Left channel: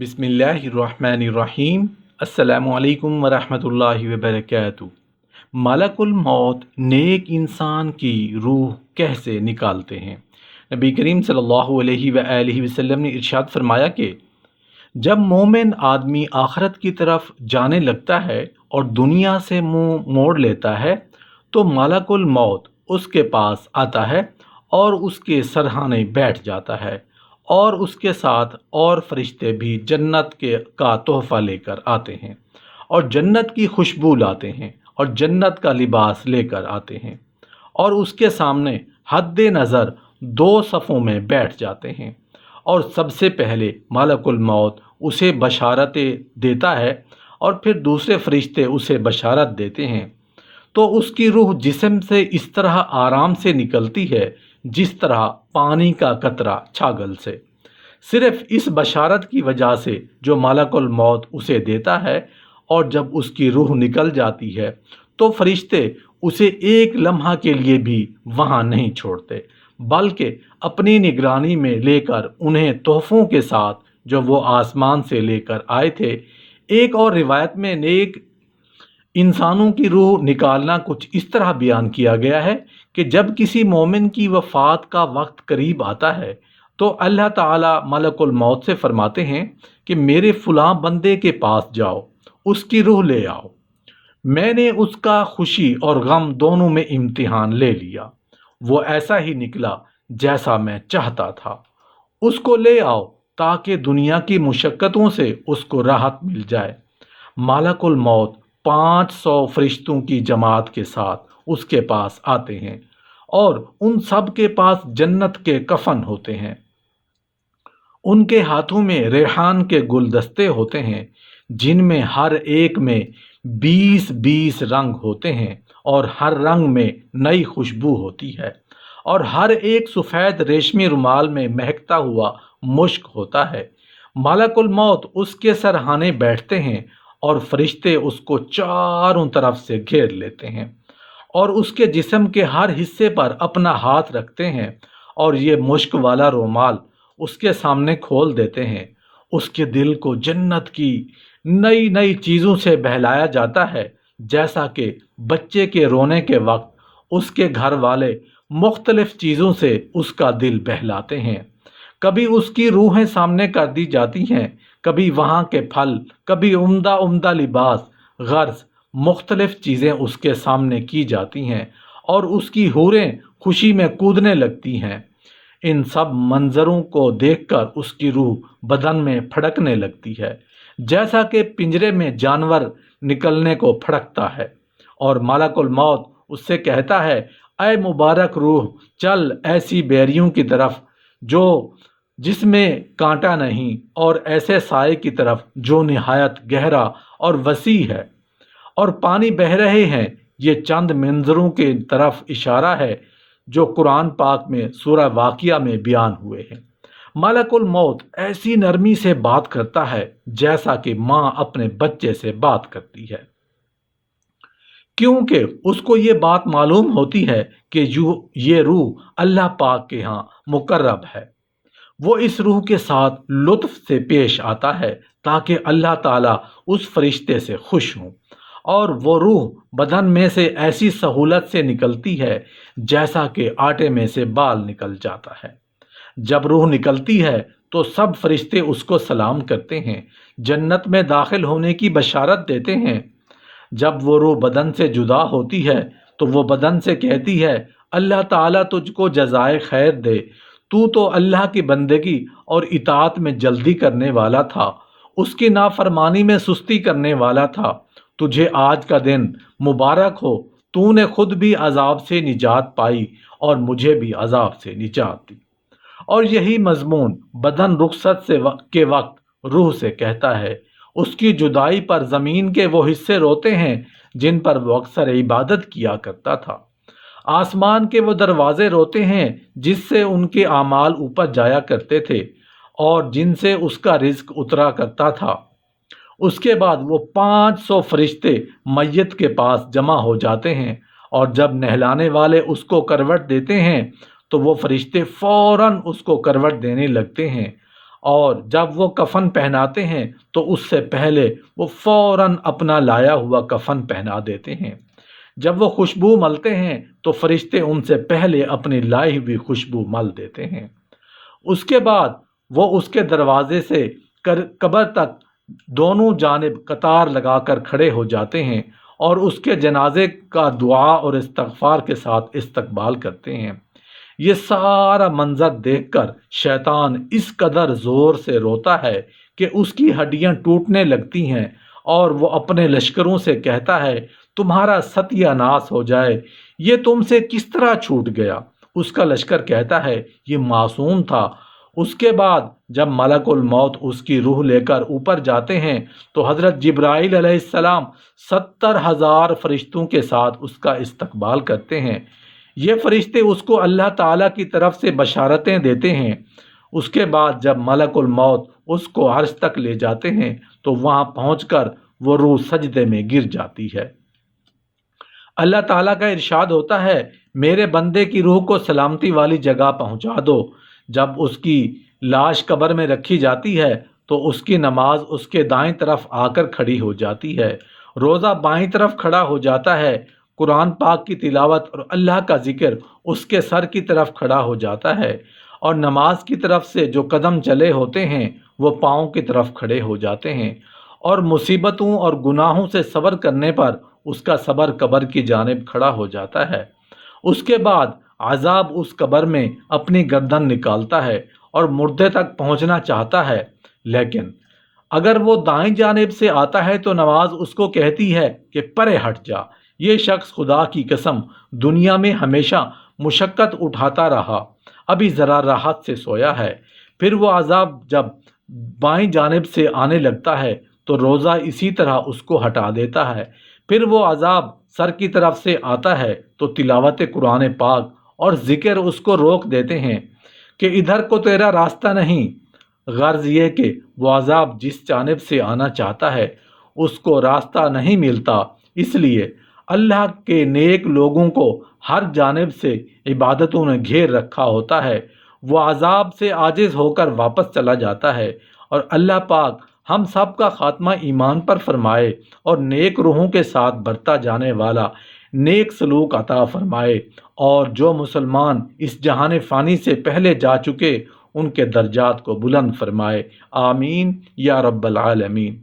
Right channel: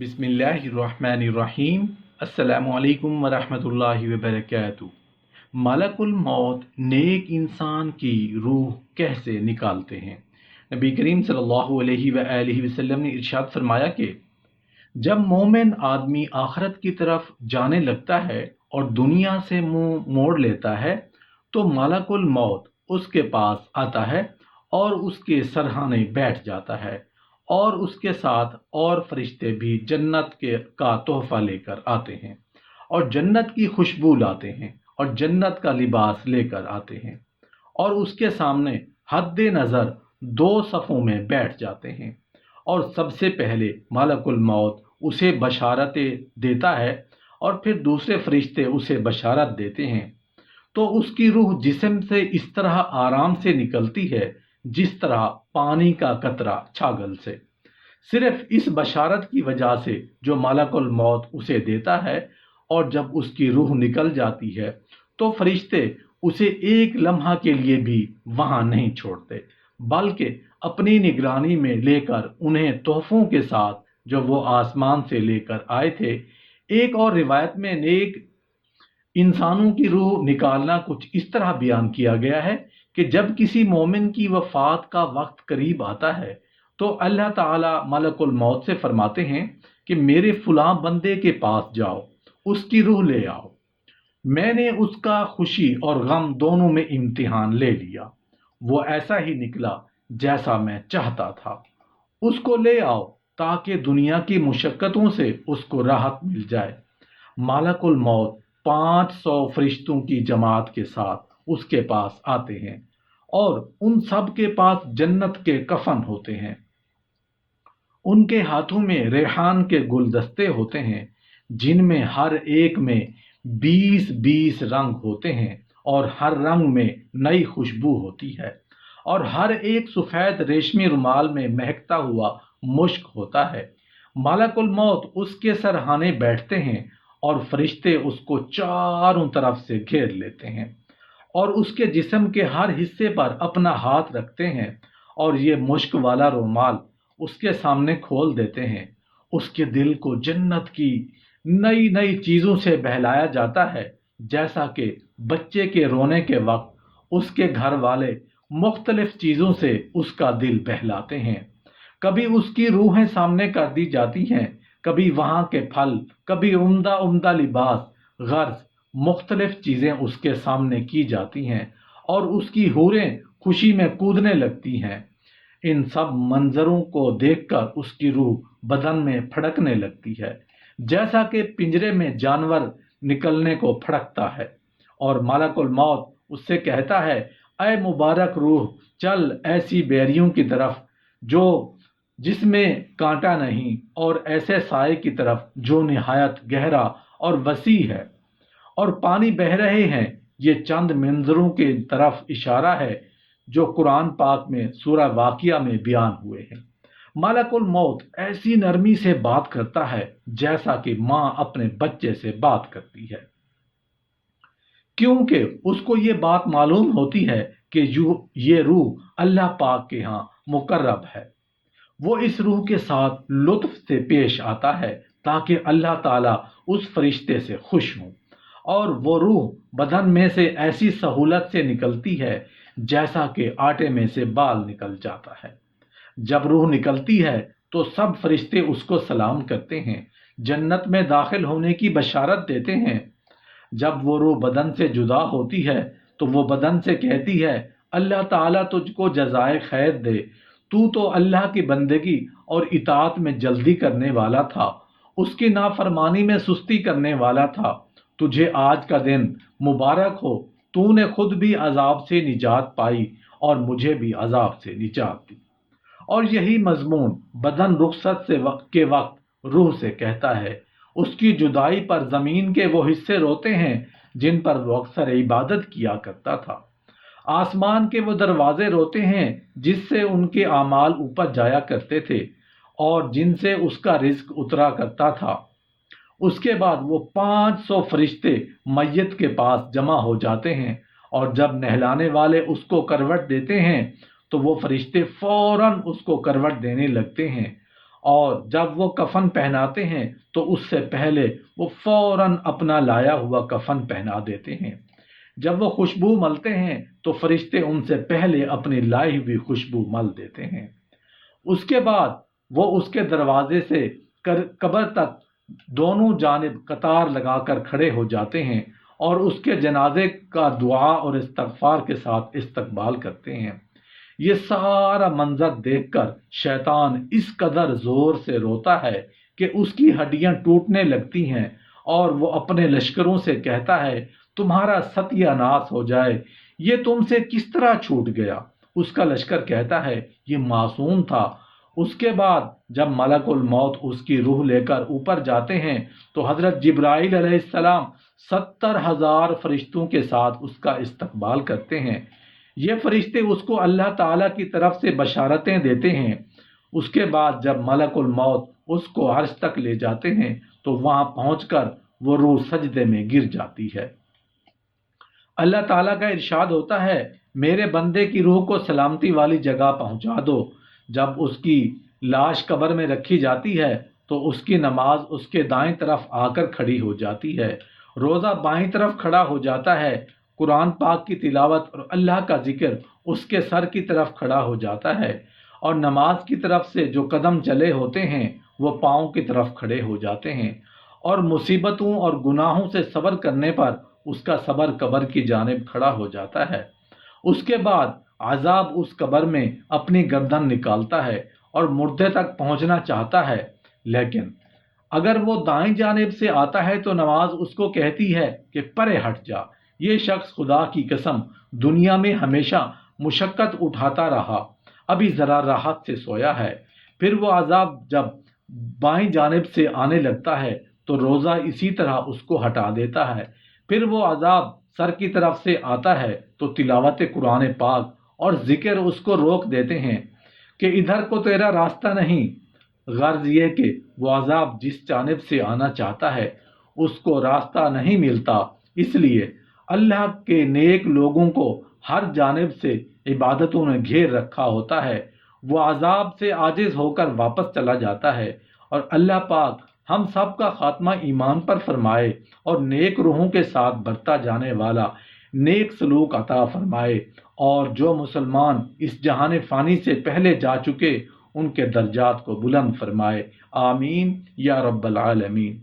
बिस्मिल्लाहिर्रहमानिर्रहीम। अस्सलामु अलैकुम वरहमतुल्लाहि वबरकातुहू। मलकुल मौत नेक इंसान की रूह कैसे निकालते हैं? नबी करीम सल्लल्लाहु अलैहि वआलिहि वसल्लम ने इरशाद फरमाया कि जब मोमिन आदमी आखरत की तरफ जाने लगता है और दुनिया से मुंह मोड़ लेता है तो मलकुल मौत उसके पास आता है और उसके सरहाने बैठ जाता है, और उसके साथ और फरिश्ते भी जन्नत के का तोहफा लेकर आते हैं और जन्नत की खुशबू लाते हैं और जन्नत का लिबास लेकर आते हैं, और उसके सामने हद नज़र दो सफ़ों में बैठ जाते हैं। और सबसे पहले मलकुल मौत उसे बशारतें देता है और फिर दूसरे फरिश्ते उसे बशारत देते हैं। तो उसकी रूह जिस्म से इस तरह आराम से निकलती है जिस तरह पानी का कतरा छागल से। सिर्फ इस बशारत की वजह से जो मलकुल मौत उसे देता है, और जब उसकी रूह निकल जाती है तो फरिश्ते उसे एक लम्हा के लिए भी वहाँ नहीं छोड़ते, बल्कि अपनी निगरानी में लेकर उन्हें तोहफों के साथ जो वो आसमान से लेकर आए थे। एक और रिवायत में नेक इंसानों की रूह निकालना कुछ इस तरह बयान किया गया है कि जब किसी मोमिन की वफ़ात का वक्त करीब आता है तो अल्लाह ताला मलकुल मौत से फरमाते हैं कि मेरे फ़लाँ बंदे के पास जाओ, उसकी रूह ले आओ। मैंने उसका खुशी और गम दोनों में इम्तिहान ले लिया, वो ऐसा ही निकला जैसा मैं चाहता था। उसको ले आओ ताकि दुनिया की मुशक्क़तों से उसको राहत मिल जाए। मालकुल मौत 500 फरिश्तों की जमात के साथ उसके पास आते हैं और उन सब के पास जन्नत के कफन होते हैं। उनके हाथों में रेहान के गुलदस्ते होते हैं जिनमें हर एक में 20-20 रंग होते हैं और हर रंग में नई खुशबू होती है, और हर एक सफ़ेद रेशमी रुमाल में महकता हुआ मुश्क होता है। मलकुल मौत उसके सरहाने बैठते हैं और फरिश्ते उसको चारों तरफ से घेर लेते हैं और उसके जिस्म के हर हिस्से पर अपना हाथ रखते हैं, और ये मुश्क वाला रुमाल उसके सामने खोल देते हैं। उसके दिल को जन्नत की नई नई चीज़ों से बहलाया जाता है, जैसा कि बच्चे के रोने के वक्त उसके घर वाले मुख्तलिफ चीज़ों से उसका दिल बहलाते हैं। कभी उसकी रूहें सामने कर दी जाती हैं, कभी वहाँ के फल, कभी उम्दा उम्दा लिबास, गर्ज मुख्तलिफ चीज़ें उसके सामने की जाती हैं और उसकी हूरें खुशी में कूदने लगती हैं। इन सब मंजरों को देखकर उसकी रूह बदन में फड़कने लगती है, जैसा कि पिंजरे में जानवर निकलने को फड़कता है, और मलकुल मौत उससे कहता है, ऐ मुबारक रूह, चल ऐसी बेरियों की तरफ जो जिसमें कांटा नहीं, और ऐसे साए की तरफ जो निहायत गहरा और वसी है और पानी बह रहे हैं। ये चंद मंजरों के तरफ इशारा है जो कुरान पाक में सूरह वाक़िया में बयान हुए हैं। मलकुल मौत ऐसी नरमी से बात करता है जैसा कि माँ अपने बच्चे से बात करती है, क्योंकि उसको ये बात मालूम होती है कि ये रूह अल्लाह पाक के यहाँ मुकर्रब है। वो इस रूह के साथ लुत्फ से पेश आता है ताकि अल्लाह ताला उस फरिश्ते से खुश हों, और वो रूह बदन में से ऐसी सहूलत से निकलती है जैसा कि आटे में से बाल निकल जाता है। जब रूह निकलती है तो सब फरिश्ते उसको सलाम करते हैं, जन्नत में दाखिल होने की बशारत देते हैं। जब वो रूह बदन से जुदा होती है तो वो बदन से कहती है, अल्लाह ताला तुझको जज़ाए खैर दे, तू तो अल्लाह की बंदगी और इताअत में जल्दी करने वाला था, उसकी नाफरमानी में सुस्ती करने वाला था। तुझे आज का दिन मुबारक हो, तूने खुद भी अजाब से निजात पाई और मुझे भी अजाब से निजात दी। और यही मजमून बदन रुखसत के वक्त रूह से कहता है। उसकी जुदाई पर ज़मीन के वो हिस्से रोते हैं जिन पर वो अक्सर इबादत किया करता था। आसमान के वो दरवाजे रोते हैं जिससे उनके आमाल ऊपर जाया करते थे और जिनसे उसका रिज्क उतरा करता था। उसके बाद वो 500 फरिश्ते मैयत के पास जमा हो जाते हैं, और जब नहलाने वाले उसको करवट देते हैं तो वो फरिश्ते फौरन उसको करवट देने लगते हैं। اور جب وہ کفن پہناتے ہیں تو اس سے پہلے وہ فوراً اپنا لایا ہوا کفن پہنا دیتے ہیں۔ جب وہ خوشبو ملتے ہیں تو فرشتے ان سے پہلے اپنی لائی ہوئی خوشبو مل دیتے ہیں۔ اس کے بعد وہ اس کے دروازے سے قبر تک دونوں جانب قطار لگا کر کھڑے ہو جاتے ہیں اور اس کے جنازے کا دعا اور استغفار کے ساتھ استقبال کرتے ہیں۔ یہ سارا منظر دیکھ کر شیطان اس قدر زور سے روتا ہے کہ اس کی ہڈیاں ٹوٹنے لگتی ہیں اور وہ اپنے لشکروں سے کہتا ہے تمہارا ستیہ ناس ہو جائے، یہ تم سے کس طرح چھوٹ گیا؟ اس کا لشکر کہتا ہے یہ معصوم تھا۔ اس کے بعد جب ملک الموت اس کی روح لے کر اوپر جاتے ہیں تو حضرت جبرائیل علیہ السلام 70,000 فرشتوں کے ساتھ اس کا استقبال کرتے ہیں۔ یہ فرشتے اس کو اللہ تعالیٰ کی طرف سے بشارتیں دیتے ہیں۔ اس کے بعد جب ملک الموت اس کو عرش تک لے جاتے ہیں تو وہاں پہنچ کر وہ روح سجدے میں گر جاتی ہے۔ اللہ تعالیٰ کا ارشاد ہوتا ہے میرے بندے کی روح کو سلامتی والی جگہ پہنچا دو۔ جب اس کی لاش قبر میں رکھی جاتی ہے تو اس کی نماز اس کے دائیں طرف آ کر کھڑی ہو جاتی ہے، روزہ بائیں طرف کھڑا ہو جاتا ہے، قرآن پاک کی تلاوت اور اللہ کا ذکر اس کے سر کی طرف کھڑا ہو جاتا ہے، اور نماز کی طرف سے جو قدم چلے ہوتے ہیں وہ پاؤں کی طرف کھڑے ہو جاتے ہیں، اور مصیبتوں اور گناہوں سے صبر کرنے پر اس کا صبر قبر کی جانب کھڑا ہو جاتا ہے۔ اس کے بعد عذاب اس قبر میں اپنی گردن نکالتا ہے اور مردے تک پہنچنا چاہتا ہے، لیکن اگر وہ دائیں جانب سے آتا ہے تو نماز اس کو کہتی ہے کہ پرے ہٹ جا، یہ شخص خدا کی قسم دنیا میں ہمیشہ مشقت اٹھاتا رہا، ابھی ذرا راحت سے سویا ہے۔ پھر وہ عذاب جب بائیں جانب سے آنے لگتا ہے تو روزہ اسی طرح اس کو ہٹا دیتا ہے۔ پھر وہ عذاب سر کی طرف سے آتا ہے تو تلاوت قرآن پاک اور ذکر اس کو روک دیتے ہیں کہ ادھر کو تیرا راستہ نہیں۔ غرض یہ کہ وہ عذاب جس جانب سے آنا چاہتا ہے اس کو راستہ نہیں ملتا، اس لیے اللہ کے نیک لوگوں کو ہر جانب سے عبادتوں نے گھیر رکھا ہوتا ہے، وہ عذاب سے عاجز ہو کر واپس چلا جاتا ہے، اور اللہ پاک ہم سب کا خاتمہ ایمان پر فرمائے اور نیک روحوں کے ساتھ برتا جانے والا نیک سلوک عطا فرمائے، اور جو مسلمان اس جہان فانی سے پہلے جا چکے ان کے درجات کو بلند فرمائے۔ آمین یا رب العالمین۔